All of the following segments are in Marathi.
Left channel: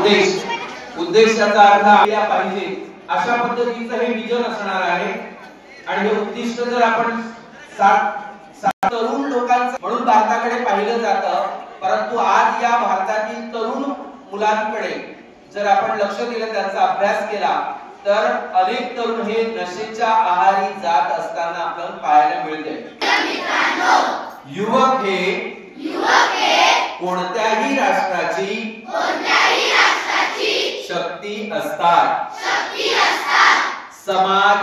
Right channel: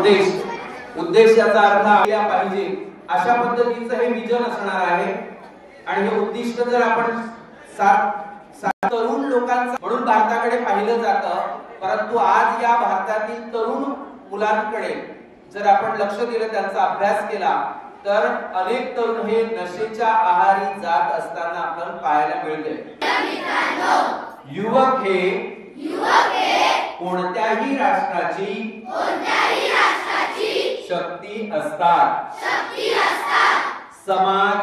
उद्देशाचा अर्थ आपल्या पाहिजे अशा पद्धतीचं हे विजन असणार आहे। आणि हे उद्दिष्ट जर आपण तरुण लोकांचं म्हणून भारताकडे पाहिलं जातं, परंतु आज या भारतातील तरुण मुलांकडे जर आपण लक्ष दिलं, त्यांचा अभ्यास केला, तर अनेक तरुण हे नशेच्या आहारी जात असताना आपल्याला पाहायला मिळते। युवक हे कोणत्याही राष्ट्राची शक्ती असतात। समाज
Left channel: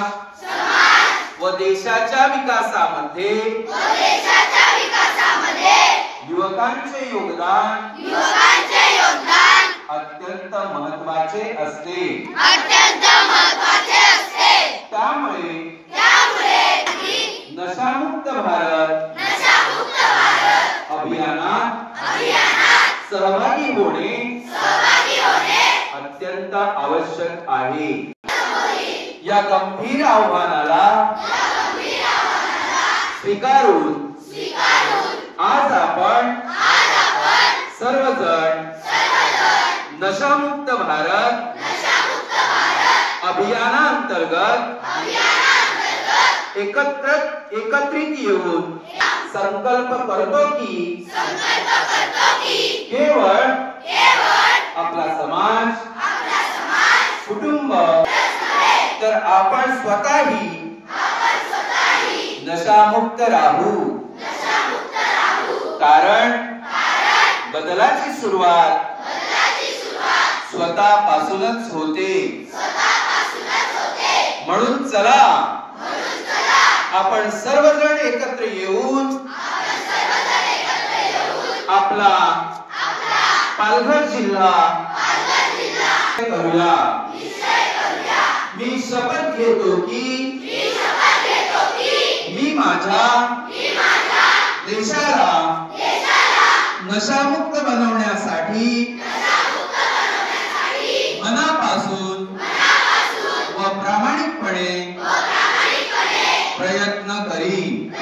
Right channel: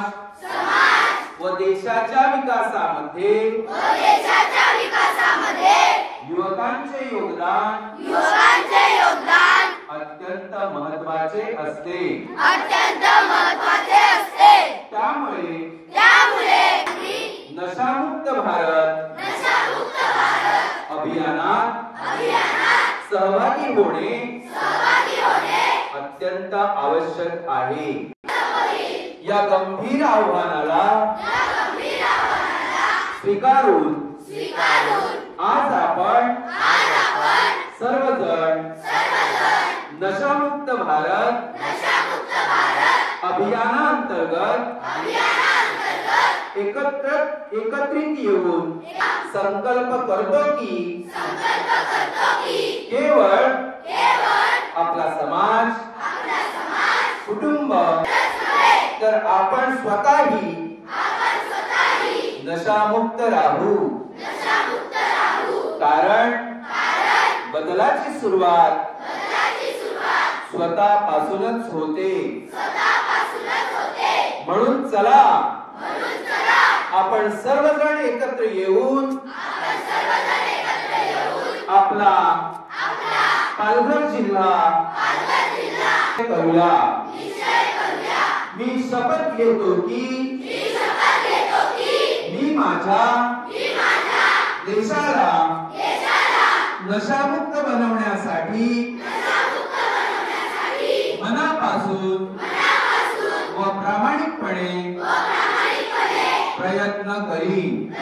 व देशाच्या विकासामध्ये युवकांचे योगदान अत्यंत महत्त्वाचे असते। त्यामुळे नशामुक्त भारत अभियानात सहभागी होणे अत्यंत आवश्यक आहे। या गंभीर आव्हानाला स्वीकारून आज आपण सर्वजण नशामुक्त भारत अभियानांतर्गत एकत्रित येऊन संकल्प करतो की केवळ आपला समाज, कुटुंब, तर आपण स्वतःही नशामुक्त राहू। कारण बदलाची सुरुवात स्वतःपासूनच होते। म्हणून चला आपण सर्वजण एकत्र येऊन आपला पालघर जिल्हा करूया। मी शपथ घेतो की मी माझ्या देशाला नशामुक्त बनवण्यासाठी मनापासून व प्रामाणिकपणे प्रयत्न करीन।